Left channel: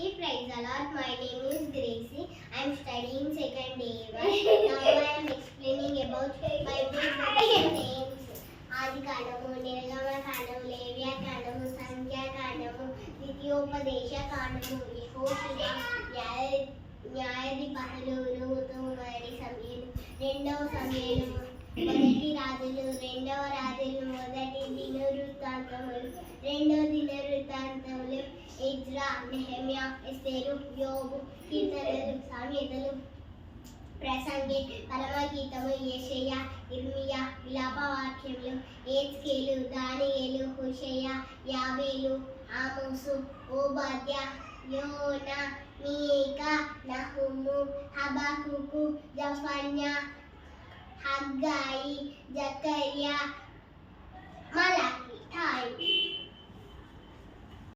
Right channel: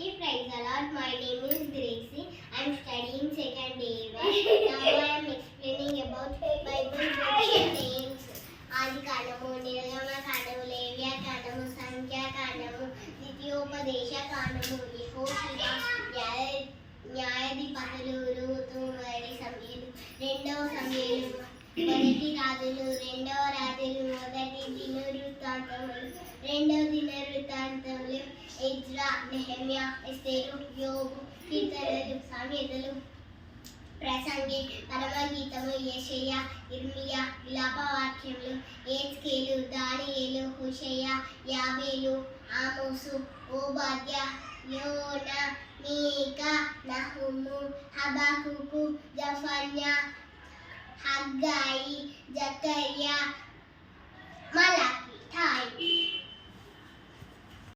Okay, praise the Lord. My name is Gracie. I am studying second year. Now I am explaining about Bible book names. ఆది కాండము, నిర్గమ కాండము, లేవ్య కాండము, సంఖ్య కాండము, ద్వితీయోపదేశ కాండము, యెహోషువ, న్యాయాధిపతులు, రూతు, మరి సమూయేలు, రెండవ సమూయేలు, మొదటి రాజులు, రెండవ రాజులు, మొదటి దినవృత్తాంతములు, రెండవ దినవృత్తాంతములు, ఎజ్రా, నెహెమ్యా, ఎస్తేరు, యోబు, కీర్తనలు, సామెతలు, ప్రసంగి, పరమగీతము, యెషయా, ఇర్మియా, విలాపవాక్యములు, ఏజ్కేలు, దానియేలు, హోషేయ, యాబేలు, ఆమోసు, ఓబాద్యా, యోనా, మీకా, నహుము, హబకుకు, జఫన్యా, హగ్గాయి, జకర్యా, మలాకి. థాంక్యూ.